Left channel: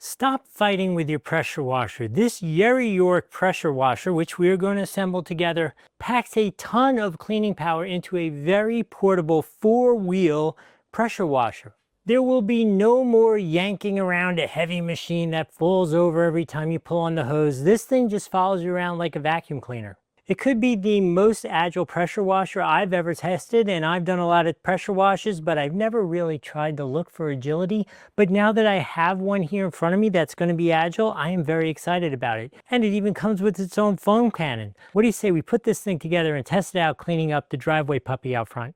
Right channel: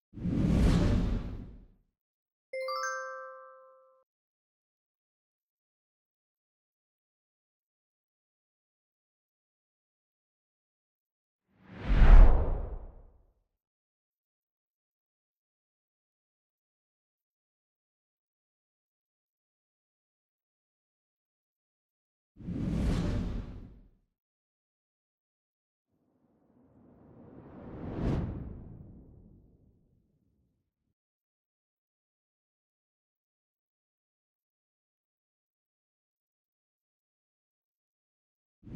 Stop fighting with your pressure washer. This Yeryork pressure washer, which we are going to assemble together, packs a ton of cleaning power into a very portable 4-wheel pressure washer. There will be no more yanking around a heavy machine that falls over every time you pull on the hose. This thing just follows you around like a vacuum cleaner. It could be the most agile pressure washer I've ever tested, and I've done a lot of pressure washes, but I've never really tried to look for agility. But now that I have one here in front of me that's going to be agile, I am very excited about it. And it even comes with its own foam cannon. What do you say we put this thing together and test it out cleaning up the driveway puppy out front?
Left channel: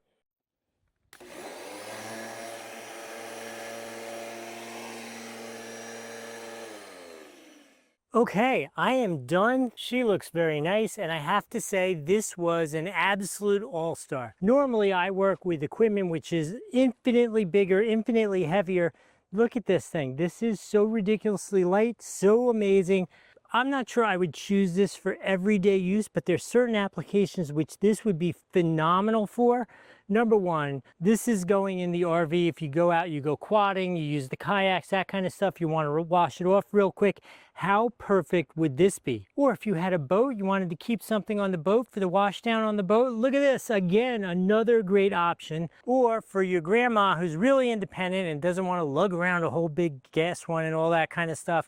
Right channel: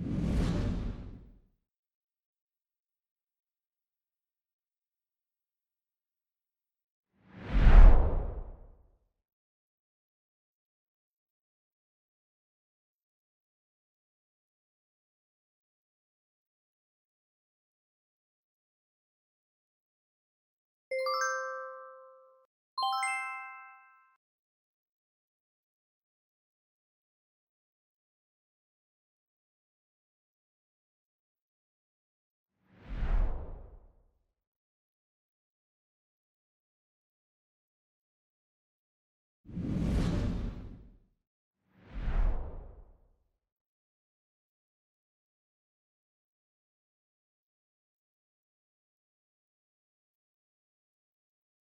Okay, I am done. She looks very nice, and I have to say this was an absolute all-star. Normally I work with equipment which is infinitely bigger, infinitely heavier. Look at this thing. This is so ridiculously light, so amazing. I'm not sure I would choose this for everyday use, but there's certain applications which this would be phenomenal for. Number one, this is going in the RV. If you go out, you go quadding, you use the kayaks, that kind of stuff, you want to wash it off real quick. How perfect would this be? Or if you had a boat, you wanted to keep something on the boat for the wash down on the boat, look at this, again, another great option. Or for your grandma who's really independent and doesn't want to lug around a whole big gas one and all that kind of stuff,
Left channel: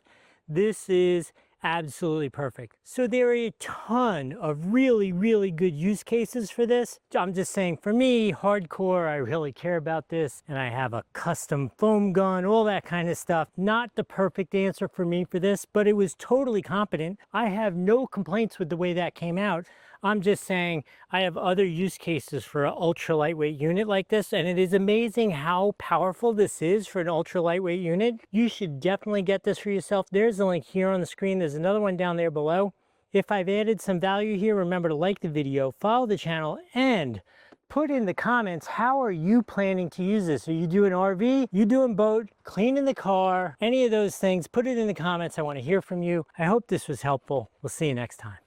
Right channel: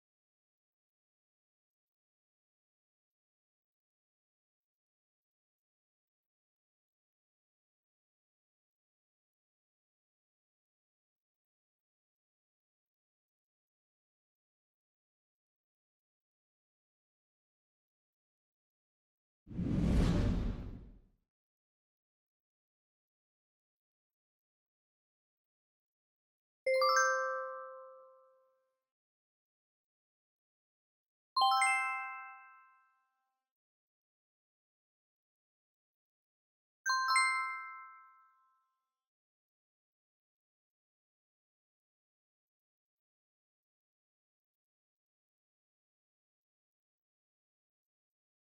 this is absolutely perfect. So there are a ton of really, really good use cases for this. I'm just saying, for me, hardcore, I really care about this, and I have a custom foam gun, all that kind of stuff. Not the perfect answer for me for this, but it was totally competent. I have no complaints with the way that came out. I'm just saying I have other use cases for an ultra lightweight unit like this, and it is amazing how powerful this is for an ultra lightweight unit. You should definitely get this for yourself. There's a link here on the screen. There's another one down there below. If I've added some value here, remember to like the video, follow the channel, and put in the comments, how are you planning to use this? Are you doing RV? You doing boat? Cleaning the car? Any of those things, put it in the comments. I want to hear from you. I hope this was helpful. We'll see you next time.